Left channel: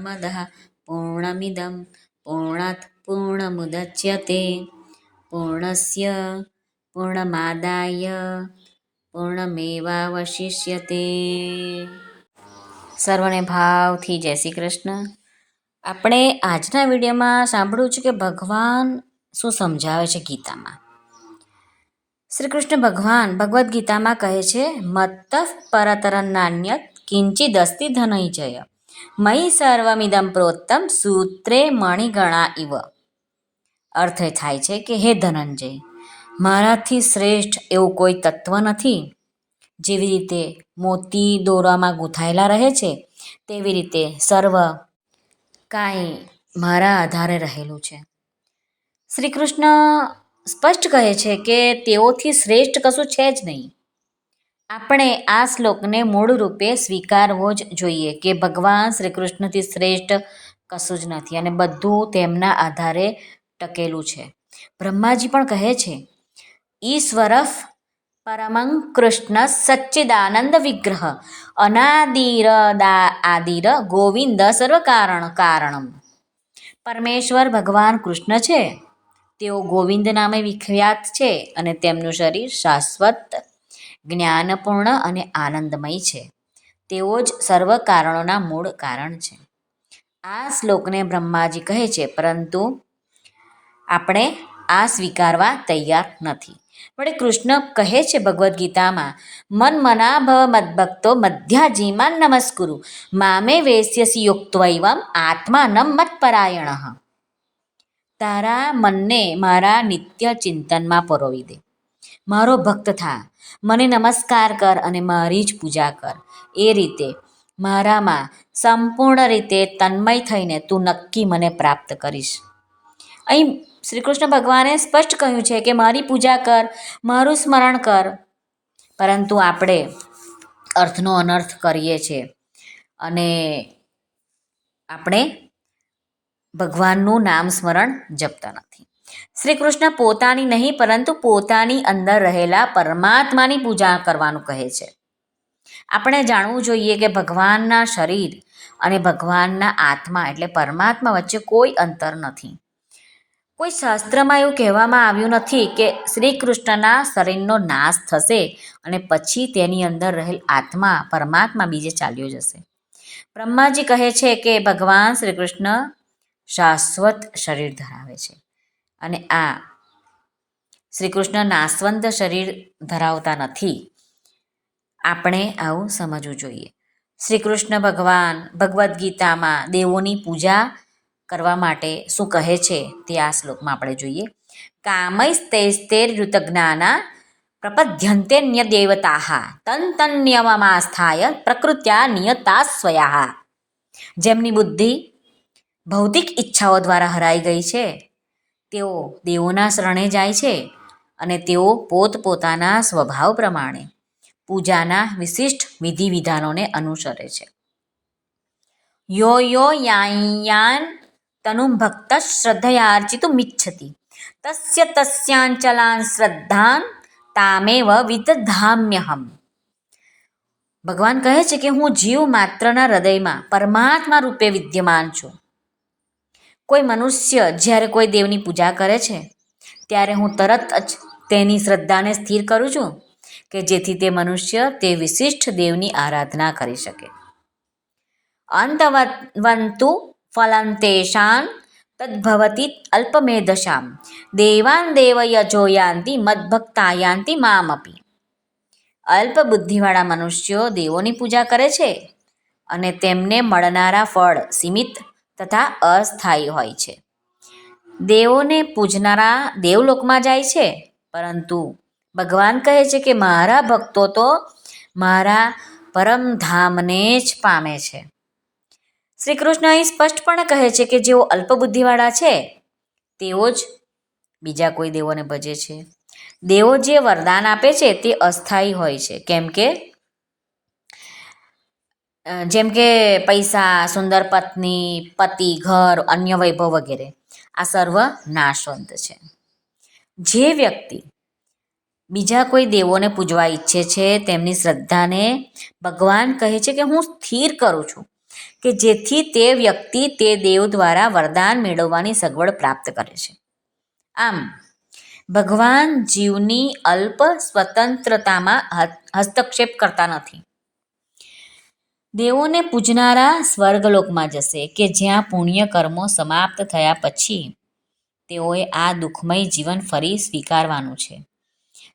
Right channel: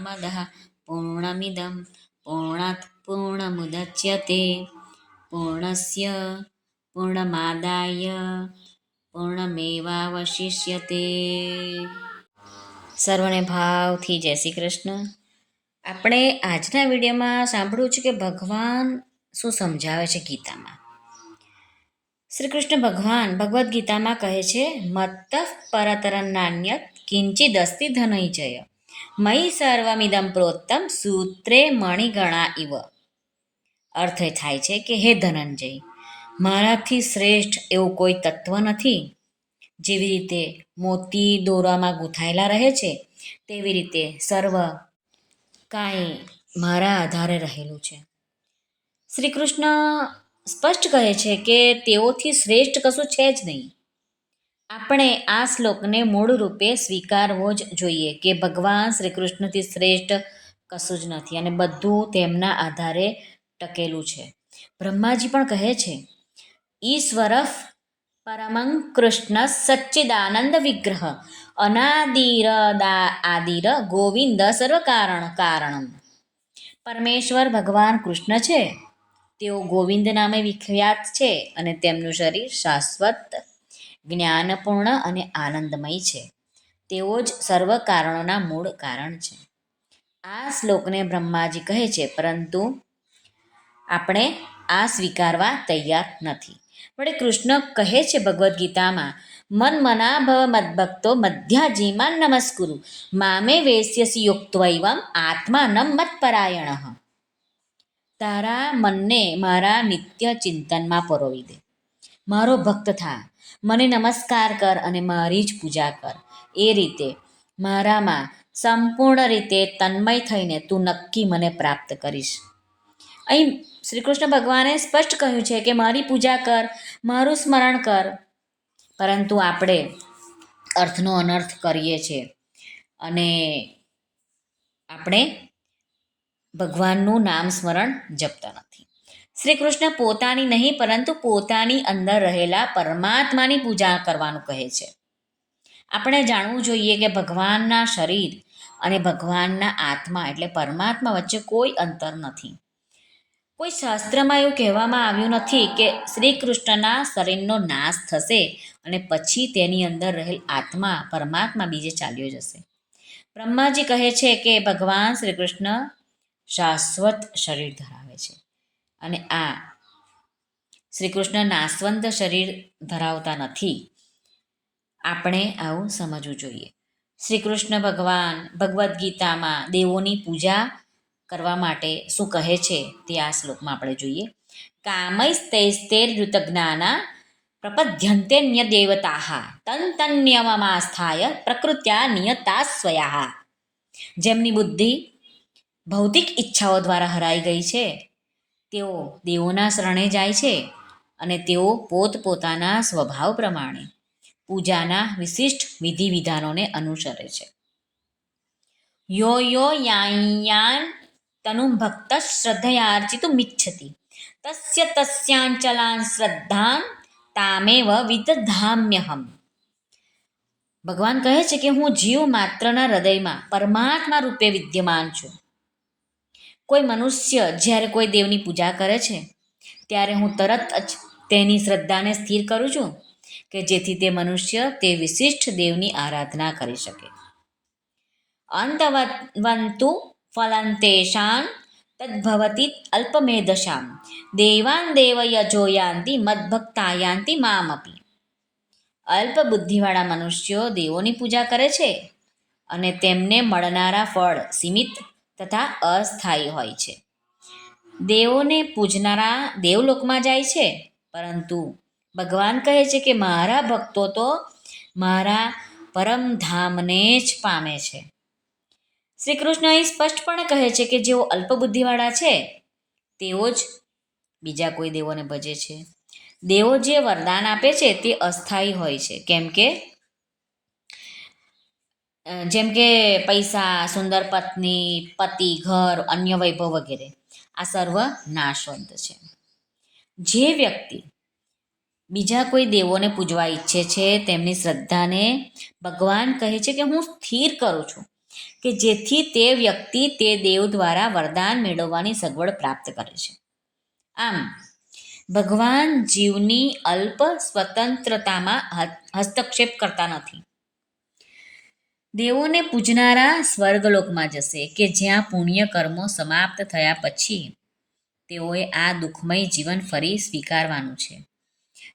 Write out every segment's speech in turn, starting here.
પૂર્ણમદઃ પૂર્ણમિદં પૂર્ણાત પૂર્ણમુદચ્યતે પૂર્ણસ્ય પૂર્ણમાદાય પૂર્ણમેવાવશિષ્યતે. સર્વને ભાવથી જય શ્રી કૃષ્ણ. આપણે આજના વિડીયોમાં સાંભળ્યું છે કે ભગવાન શું સમજાવે છે ગીતામાં. શ્રી કૃષ્ણ ભગવાન ભગવદ્ ગીતામાં કહે છે, મત્તઃ પરતરન્નાન્યત કિંચિદસ્તિ ધનંજય મયિ સર્વમિદં પ્રોક્તમ સૂત્રે મણિગણા ઇવ. અર્થ એ થાય છે કે હે ધનંજય, મારાથી શ્રેષ્ઠ એવું કોઈ તત્વ નથી. જેવી રીતે મોતી દોરામાં ગૂંથાયેલા રહે છે તેવી રીતે સર્વ કાંઈ મારા આધારે રહેલું છે. શ્રી કૃષ્ણ સ્પષ્ટ કહે છે કે તેઓથી શ્રેષ્ઠ કશું છે જ નહીં. આપણે આ શ્લોકને મૂળ રૂપે સ્વીકારવો જ જોઈએ કે ભગવાન શ્રી કૃષ્ણથી શ્રેષ્ઠ કશું જ નથી અને બધું તેમના આધારે ટકેલું છે. બ્રહ્માજી પણ કહે છે, ઈશ્વર પરમં કૃષ્ણ સચ્ચિદાનંદ વિગ્રહ આદિર ગોવિંદ સર્વ કારણમ. પરમેશ્વર ભગવાન કૃષ્ણ છે, તેઓ ગોવિંદ નામે વિખ્યાત છે અને તેમનું શરીર શાશ્વત, જ્ઞાનપૂર્ણ અને આનંદમય છે. તેઓ જ સર્વ કારણોના મૂળ કારણ છે. આ શ્લોકને બ્રહ્માજી કહે છે, પરંતુ આપણે આ સ્વીકારવા તૈયાર નથી. વળી કૃષ્ણ કહે છે ભગવદ્ ગીતામાં, મન મના ભવ મદ્ભક્તો મધ્યાજીમાન નમસ્કુરુ મામે વેશ્યસી યુક્ત્વૈવમ આત્માનમ મત્પરાયણઃ. તારા મનને મારા નિત્ય ચિંતનમાં પરોવી દે, મારો ભક્ત થા, મને નમસ્કાર કર અને મારી જ પૂજા કર. એ રીતે મારામાં સંપૂર્ણ રીતે તન્મય થઈને તું નક્કી મને પ્રાપ્ત કરીશ. અહીં શ્રી કૃષ્ણ ભગવાને સ્પષ્ટ કહ્યું છે કે મારી પૂજા કર, મારું સ્મરણ કર, પરંતુ આપણે અર્થનો અનર્થ કરીએ છીએ અને આપણે ભગવાનનું નામ સ્મરણ જપતા નથી. શ્રી કૃષ્ણ પોતાની નહીં પરંતુ પોતાની અંદર રહેલા પરમાત્માની પૂજા કરવાનું કહે છે. આપણે જાણવું જોઈએ કે ભગવાનના શરીર અને ભગવાનના આત્મા એટલે પરમાત્મા વચ્ચે કોઈ અંતર નથી. કોઈ શાસ્ત્રમાં એવું કહેવામાં આવ્યું નથી કે શ્રી કૃષ્ણના શરીરનો નાશ થશે અને પછી તેની અંદર રહેલ આત્મા પરમાત્મા બીજે ચાલ્યો જશે. બ્રહ્માજી કહે છે કે ભગવાન શ્રી કૃષ્ણ શાશ્વત શરીર ધરાવે છે અને આ શ્રી કૃષ્ણ નાશવંત શરીર ધરાવતા નથી. આપણે આવું સમજવું જોઈએ. શ્રી કૃષ્ણ ભગવાન ભગવદ્ ગીતામાં દેવોની પૂજા કરવા માટે શું કહે છે તે આ શ્લોકમાં આપણે જોઈએ. કામૈસ્તૈસ્તૈર્યુતજ્ઞાના પ્રપદ્યન્તે દેવતા તન્તન્યમમાસ્થાય પ્રકૃત્યા નિયતા સ્વયા. જેમની બુદ્ધિ ભૌતિક ઈચ્છાઓ દ્વારા હરાઈ ગઈ છે તેઓ દેવોના શરણે જાય છે અને તેઓ પોતપોતાના સ્વભાવ પ્રમાણે પૂજાના વિશિષ્ટ વિધિ વિધાનોને અનુસરે છે. યો યો યાયાન તનું ભક્ત શ્રદ્ધયાર્ચિતુમિચ્છતિ તસ્ય તસ્યાંચલાન શ્રદ્ધાન તામેવ વિદધામ્યહમ. ભગવાન કહે છે કે હું જીવ માત્રના હૃદયમાં પરમાત્મા રૂપે વિદ્યમાન છું. કોઈ મનુષ્ય જ્યારે કોઈ દેવની પૂજા કરે છે ત્યારે હું તરત જ તેની શ્રદ્ધાને સ્થિર કરું છું કે જેથી તે મનુષ્ય તે વિશિષ્ટ દેવની આરાધના કરી શકે. અંતવંતુ ફલં તેષાં તદ્ભવતિ અલ્પમેધશામ દેવાન દેવયજો યાન્તિ મદ્ભક્તા યાન્તિ મામપી. અલ્પ બુદ્ધિવાળા મનુષ્યો દેવોની પૂજા કરે છે અને તેમને મળનારા ફળ સીમિત તથા અસ્થાયી હોય છે. દેવોને પૂજનારા દેવલોકમાં જાય છે, પરંતુ ભગવાન કહે છે કે મારા ભક્તો તો મારા પરમધામને જ પામે છે. શ્રી કૃષ્ણ અહીં સ્પષ્ટપણે કહે છે કે જેઓ અલ્પબુદ્ધિવાળા છે તેઓ જ બીજા કોઈ દેવોને ભજે છે. દેવો જે વરદાન આપે છે તે અસ્થાયી હોય છે, જેમ કે પૈસા, સુંદર પત્ની, પતિ, ઘર, અન્ય વૈભવ વગેરે આ સર્વ નાશવંત છે. જે વ્યક્તિ બીજા કોઈ દેવોને પૂજવા ઈચ્છે છે તેમની શ્રદ્ધાને ભગવાન કહે છે કે હું સ્થિર કરું છું કે જેથી તે વ્યક્તિ તે દેવ દ્વારા વરદાન મેળવવાની સગવડ પ્રાપ્ત કરે છે. આમ ભગવાન જીવની અલ્પ સ્વતંત્રતામાં હસ્તક્ષેપ કરતા નથી. દેવોને પૂજનારા સ્વર્ગલોકમાં જશે કે જ્યાં પુણ્ય કર્મો સમાપ્ત થયા પછી તેઓએ આ દુઃખમય જીવન ફરી સ્વીકારવાનું છે.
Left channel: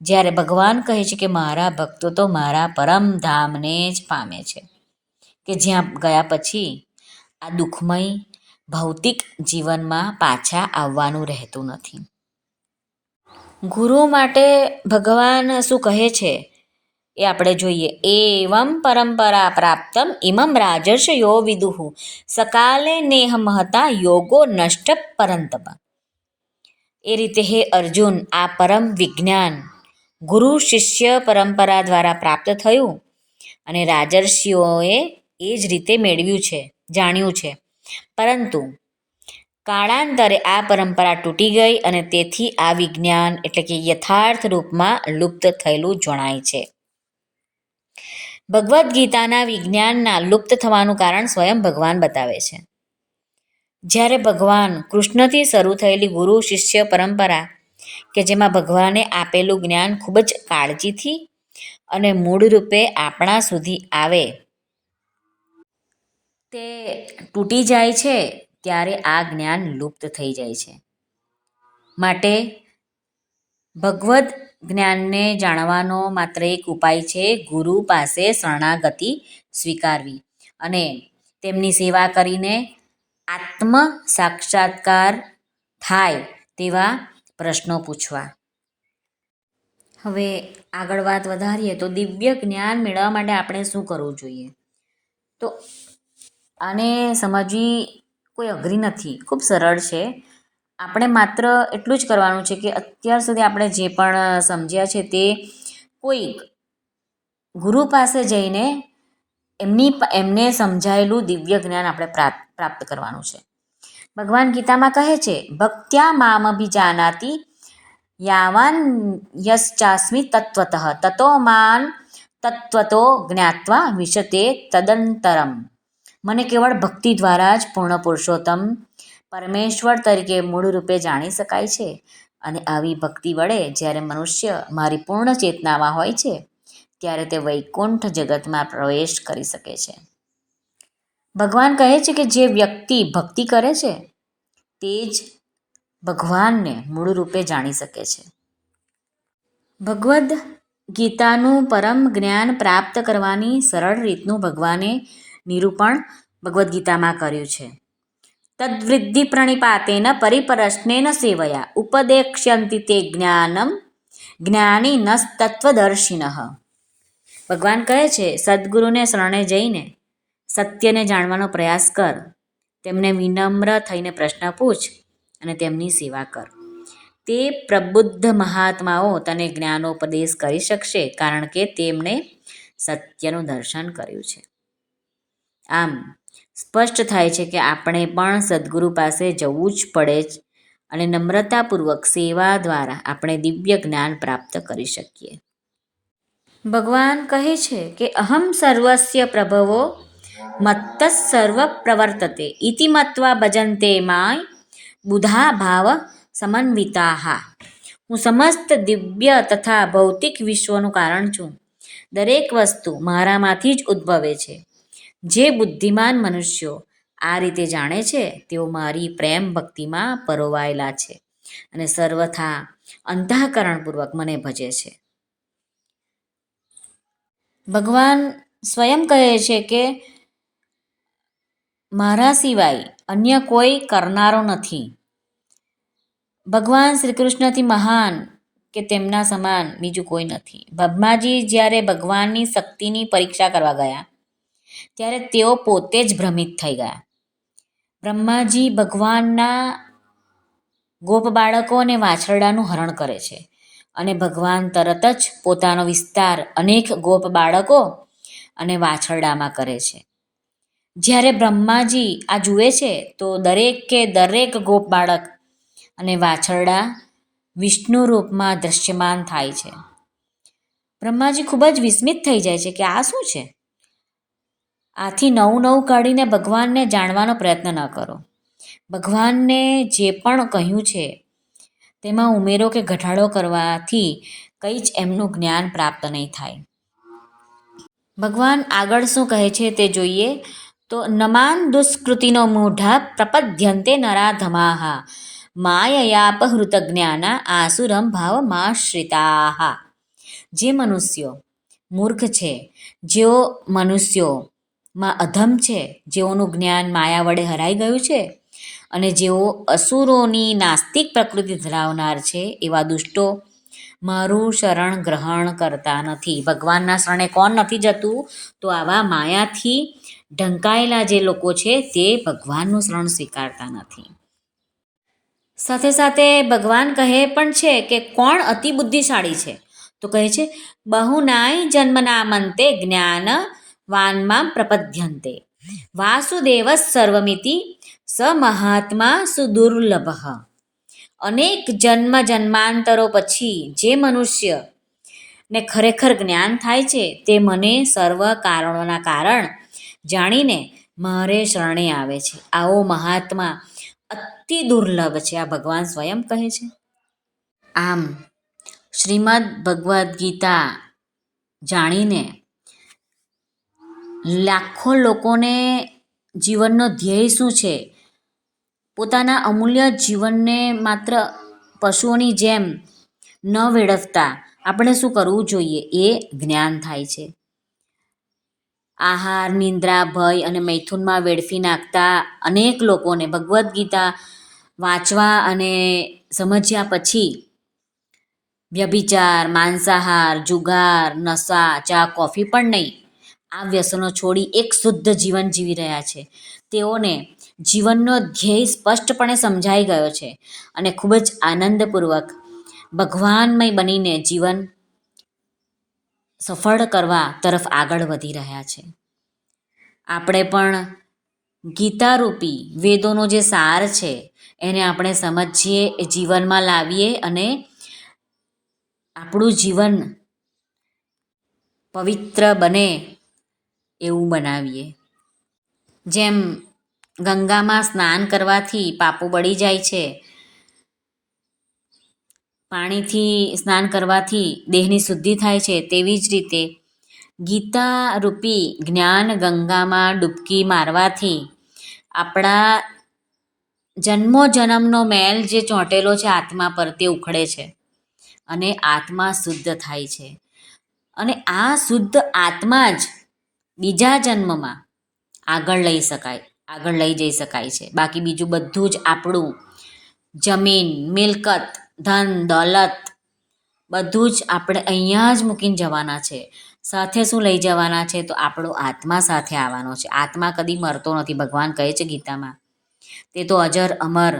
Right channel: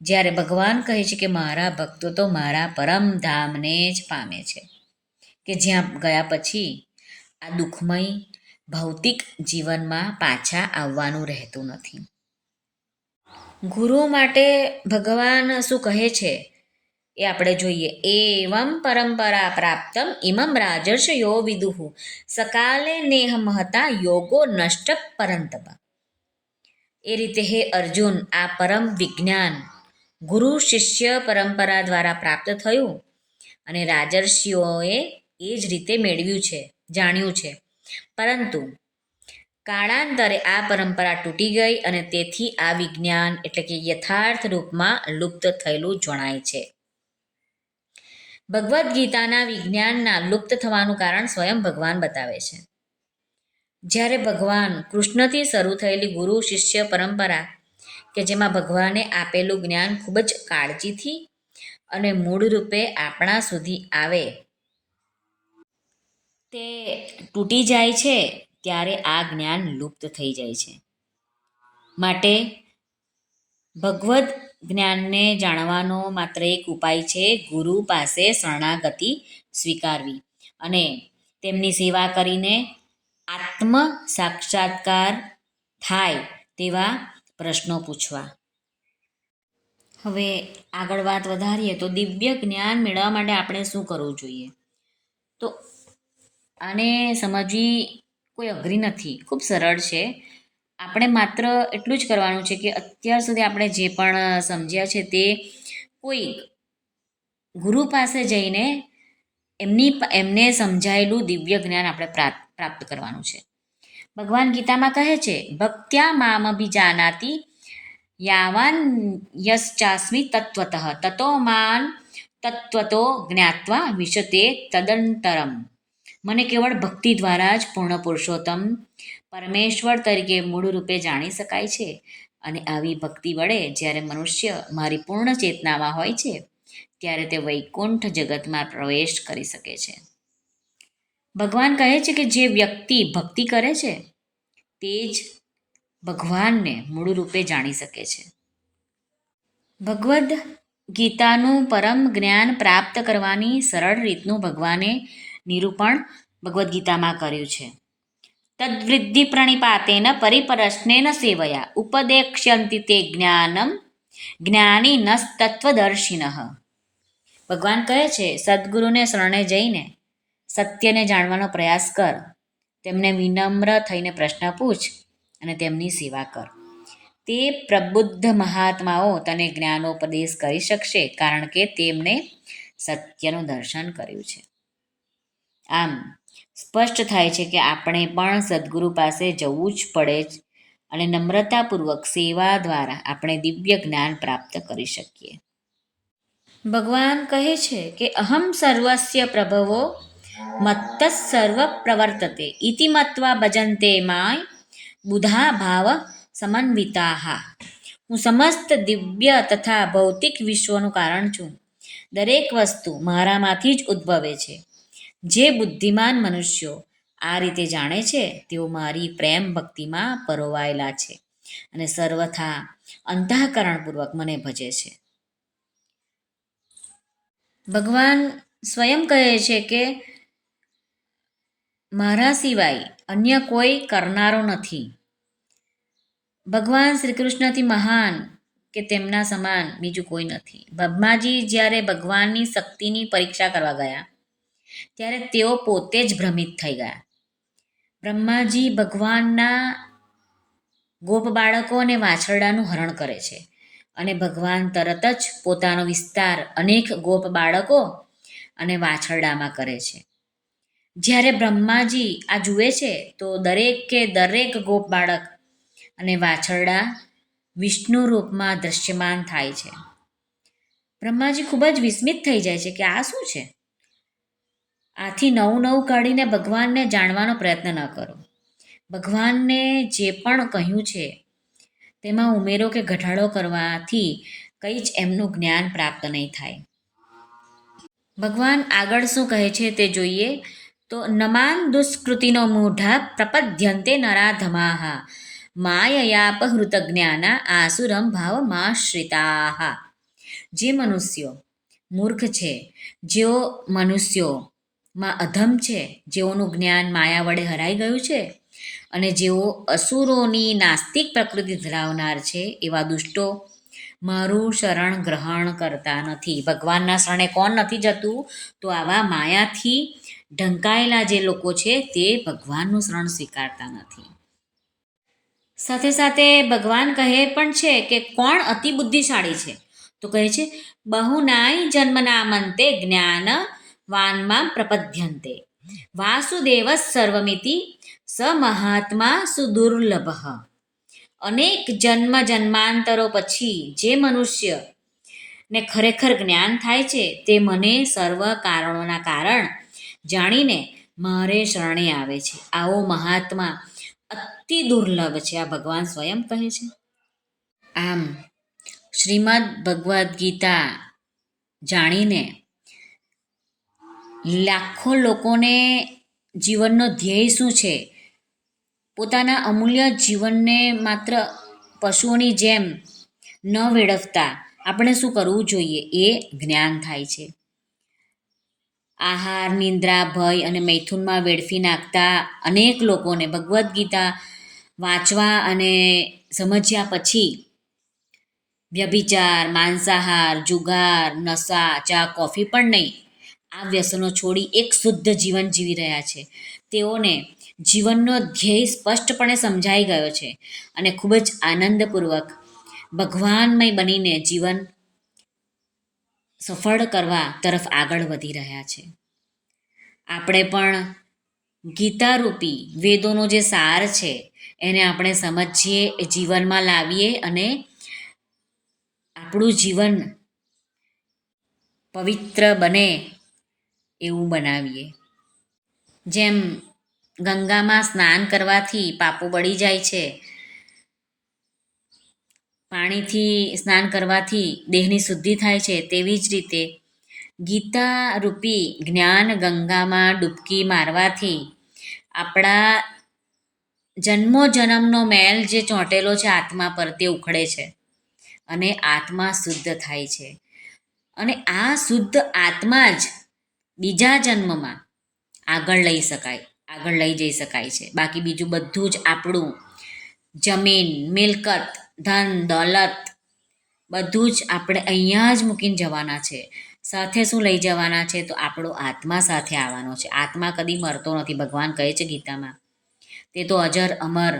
જ્યારે ભગવાન કહે છે કે મારા ભક્તો તો મારા પરમધામને જ પામે છે, કે જ્યાં ગયા પછી આ દુઃખમય ભૌતિક જીવનમાં પાછા આવવાનું રહેતું નથી. ગુરુ માટે ભગવાન શું કહે છે એ આપણે જોઈએ. એવમ પરંપરા પ્રાપ્તમ ઇમમ રાજર્ષયો વિદુઃ સકાલે નેહ મહતા યોગો નષ્ટ પરંતપ. એ રીતે હે અર્જુન, આ પરમ વિજ્ઞાન ગુરુ શિષ્ય પરંપરા દ્વારા પ્રાપ્ત થયું અને રાજર્ષિઓએ એ જ રીતે મેળવ્યું છે, જાણ્યું છે. પરંતુ કાળાંતરે આ પરંપરા તૂટી ગઈ અને તેથી આ વિજ્ઞાન એટલે કે યથાર્થ રૂપમાં લુપ્ત થયેલું જણાય છે. ભગવદ્ ગીતાના વિજ્ઞાનના લુપ્ત થવાનું કારણ સ્વયં ભગવાન બતાવે છે. જ્યારે ભગવાન કૃષ્ણથી શરૂ થયેલી ગુરુ શિષ્ય પરંપરા કે જેમાં ભગવાને આપેલું જ્ઞાન ખૂબ જ કાળજીથી અને મૂળ રૂપે આપણા સુધી આવે તે તૂટી જાય છે, ત્યારે આ જ્ઞાન લુપ્ત થઈ જાય છે. માટે ભગવદ્ જ્ઞાનને જાણવાનો માત્ર એક ઉપાય છે ગુરુ પાસે શરણાગતિ સ્વીકારવી અને તેમની સેવા કરીને આત્મ સાક્ષાત્કાર થાય તેવા પ્રશ્નો પૂછવા. હવે આગળ વાત વધારીએ તો દિવ્ય જ્ઞાન મેળવવા માટે આપણે શું કરવું જોઈએ? તો આને સમજવી કોઈ અઘરી નથી, ખૂબ સરળ છે. આપણે માત્ર એટલું જ કરવાનું છે કે અત્યાર સુધી આપણે જે પણ સમજ્યા છે તે કોઈ ગુરુ પાસે જઈને એમને સમજાયેલું દિવ્ય જ્ઞાન આપણે પ્રાપ્ત કરવાનું છે. ભગવાન ગીતામાં કહે છે ભક્ત્યા મામભિજાનાતિ યાવાન યશ્ચાસ્મિ તત્વતઃ તતો માન તત્વતો જ્ઞાત્વા વિશતે તદંતરમ. મને કેવળ ભક્તિ દ્વારા જ પૂર્ણ પુરુષોત્તમ પરમેશ્વર તરીકે મૂળ રૂપે જાણી શકાય છે. અને આવી ભક્તિ વડે જ્યારે મનુષ્ય મારી પૂર્ણ ચેતનામાં હોય છે ત્યારે તે વૈકુંઠ જગતમાં પ્રવેશ કરી શકે છે. ભગવાન કહે છે કે જે વ્યક્તિ ભક્તિ કરે છે તે જ ભગવાનને મૂળ રૂપે જાણી શકે છે. ભગવદ્ ગીતાનું પરમ જ્ઞાન પ્રાપ્ત કરવાની સરળ રીતનું ભગવાને નિરૂપણ ભગવદ્ ગીતામાં કર્યું છે. તદ્વૃદ્ધિ પ્રણિપાતેન પરિપરશ્નેન સેવયા ઉપદેક્ષ્યંતિ તે જ્ઞાનમ જ્ઞાનિનસ્તત્વદર્શિનઃ. ભગવાન કહે છે સદ્ગુરુને શરણે જઈને સત્યને જાણવાનો પ્રયાસ કર, તેમને વિનમ્ર થઈને પ્રશ્ન પૂછ અને તેમની સેવા કર. તે પ્રબુદ્ધ મહાત્માઓ તને જ્ઞાનોપદેશ કરી શકશે કારણ કે તેમણે સત્યનું દર્શન કર્યું છે. આમ સ્પષ્ટ થાય છે કે આપણે પણ સદ્ગુરુ પાસે જવું જ પડે જ અને નમ્રતાપૂર્વક સેવા દ્વારા આપણે દિવ્ય જ્ઞાન પ્રાપ્ત કરી શકીએ. ભગવાન કહે છે કે અહમ સર્વસ્ય પ્રભવો મત્ત સર્વ પ્રવર્તતે ઇતિ મત્વા ભજન્તે માય બુધા ભાવ સમન્વિતાઃ. હું સમસ્ત દિવ્ય તથા ભૌતિક વિશ્વનું કારણ છું. દરેક વસ્તુ મારામાંથી જ ઉદ્ભવે છે. જે બુદ્ધિમાન મનુષ્યો આ રીતે જાણે છે તેઓ મારી પ્રેમ ભક્તિમાં પરોવાયેલા છે અને સર્વથા અંતઃકરણપૂર્વક મને ભજે છે. ભગવાન સ્વયં કહે છે કે મારા સિવાય અન્ય કોઈ કરનારો નથી. ભગવાન શ્રી કૃષ્ણથી મહાન કે તેમના સમાન બીજું કોઈ નથી. બ્રહ્માજી જ્યારે ભગવાનની શક્તિની પરીક્ષા કરવા ગયા ત્યારે તેઓ પોતે જ ભ્રમિત થઈ ગયા. બ્રહ્માજી ભગવાનના ગોપ બાળકો અને વાછરડાનું હરણ કરે છે અને ભગવાન તરત જ પોતાનો વિસ્તાર અનેક ગોપ બાળકો અને વાછરડામાં કરે છે. જ્યારે બ્રહ્માજી આ જુએ છે તો દરેક ગોપ બાળક અને વાછરડા વિષ્ણુ રૂપમાં દૃશ્યમાન થાય છે. બ્રહ્માજી ખૂબ જ વિસ્મિત થઈ જાય છે કે આ શું છે? આથી નવું નવું કાઢીને ભગવાનને જાણવાનો પ્રયત્ન ન કરો. ભગવાનને જે પણ કહ્યું છે તેમાં ઉમેરો કે ઘટાડો કરવાથી કંઈ જ એમનું જ્ઞાન પ્રાપ્ત નહીં થાય. ભગવાન આગળ શું કહે છે તે જોઈએ તો નમાન દુષ્કૃતિનો મૂઢા પ્રપદ્યંતે નરાધમાહા માયયાપહૃત જ્ઞાના આસુરમ ભાવમાશ્રિતાહા. જે મનુષ્યો મૂર્ખ છે, જેઓ મનુષ્યોમાં અધમ છે, જેઓનું જ્ઞાન માયા વડે હરાઈ ગયું છે અને જેઓ અસુરોની નાસ્તિક પ્રકૃતિ ધરાવનાર છે, એવા દુષ્ટો મારું શરણ ગ્રહણ કરતા નથી. ભગવાનના શરણે કોણ નથી જતું? તો આવા માયાથી ઢંકાયેલા જે લોકો છે તે ભગવાનનું શરણ સ્વીકારતા નથી. સાથે સાથે ભગવાન કહે પણ છે કે કોણ અતિ બુદ્ધિશાળી છે? તો કહે છે બહુનાય જન્મનામંતે જ્ઞાન વાનમાં પ્રપદ્યંતે વાસુદેવ સર્વમિતિ સ મહાત્મા સુદુર્લભ. અનેક જન્મ જન્માંતરો પછી જે મનુષ્યને ખરેખર જ્ઞાન થાય છે તે મને સર્વ કારણોના કારણ જાણીને મારે શરણે આવે છે. આવો મહાત્મા અતિ દુર્લભ છે. આ ભગવાન સ્વયં કહે છે. આમ શ્રીમદ ભગવદ્ ગીતા જાણીને લાખો લોકોને જીવનનો ધ્યેય શું છે, પોતાના અમૂલ્ય જીવનને માત્ર પશુઓની જેમ ન વેડફતા આપણે શું કરવું જોઈએ એ જ્ઞાન થાય છે. આહાર, નિંદ્રા, ભય અને મૈથુનમાં વેડફી નાખતા અનેક લોકોને ભગવદ્ ગીતા વાંચવા અને સમજ્યા પછી વ્યભિચાર, માંસાહાર, જુગાર, નશા, ચા, કોફી પણ નહીં, આ વ્યસનો છોડી એક શુદ્ધ જીવન જીવી રહ્યા છે. તેઓને જીવનનો ધ્યેય સ્પષ્ટપણે સમજાઈ ગયો છે અને ખૂબ જ આનંદપૂર્વક ભગવાનમય બનીને જીવન સફળ કરવા તરફ આગળ વધી રહ્યા છે. આપણે પણ ગીતારૂપી વેદોનો જે સાર છે એને આપણે સમજીએ, જીવનમાં લાવીએ અને આપણું જીવન પવિત્ર બને એવું બનાવીએ. જેમ ગંગામાં સ્નાન કરવાથી પાપો બળી જાય છે, પાણીથી સ્નાન કરવાથી દેહની શુદ્ધિ થાય છે, તેવી જ રીતે ગીતા રૂપી જ્ઞાન ગંગામાં ડૂબકી મારવાથી આપણા જન્મો જન્મનો મેલ જે ચોંટેલો છે આત્મા પર તે ઉખડે છે અને આત્મા શુદ્ધ થાય છે. અને આ શુદ્ધ આત્મા જ બીજા જન્મમાં આગળ લઈ જઈ શકાય છે. બાકી બીજું બધું જ આપણું જમીન, મિલકત, ધન, દોલત બધું જ આપણે અહીંયા જ મૂકીને જવાના છે. સાથે શું લઈ જવાના છે? તો આપણો આત્મા સાથે આવવાનો છે. આત્મા કદી મરતો નથી. ભગવાન કહે છે ગીતામાં તે તો અજર અમર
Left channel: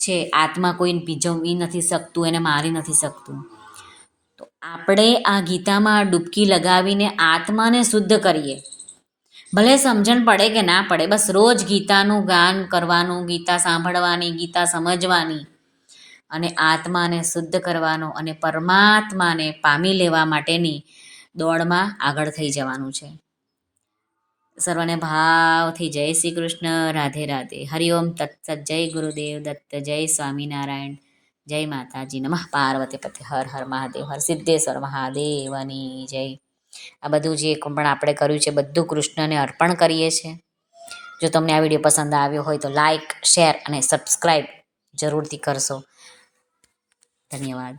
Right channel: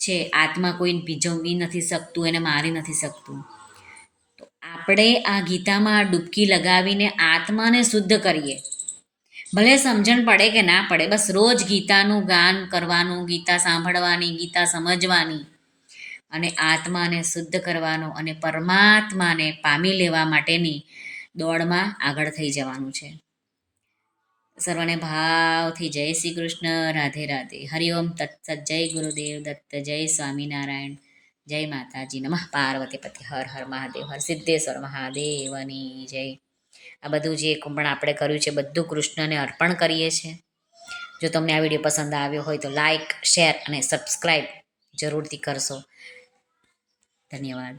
છે. આત્મા કોઈ ભીજવી નથી શકતું, એને મારી નથી શકતું. તો આપણે આ ગીતામાં ડૂબકી લગાવીને આત્માને શુદ્ધ કરીએ. ભલે સમજણ પડે કે ના પડે, બસ રોજ ગીતાનું ગાન કરવાનું, ગીતા સાંભળવાની, ગીતા સમજવાની અને આત્માને શુદ્ધ કરવાનો અને પરમાત્માને પામી લેવા માટેની દોડમાં આગળ થઈ જવાનું છે. સર્વને ભાવથી જય શ્રી કૃષ્ણ. રાધે રાધે. હરિઓમ તત્સત. જય ગુરુદેવ દત્ત. જય સ્વામિનારાયણ. જય માતાજી. નમઃ પાર્વતી પતિ. હર હર મહાદેવ. હર સિદ્ધેશ્વર મહાદેવની જય. આ બધું જે પણ આપણે કર્યું છે બધું કૃષ્ણને અર્પણ કરીએ છીએ. જો તમને આ વિડીયો પસંદ આવ્યો હોય તો લાઈક, શેર અને સબસ્ક્રાઈબ જરૂરથી કરશો. ધન્યવાદ.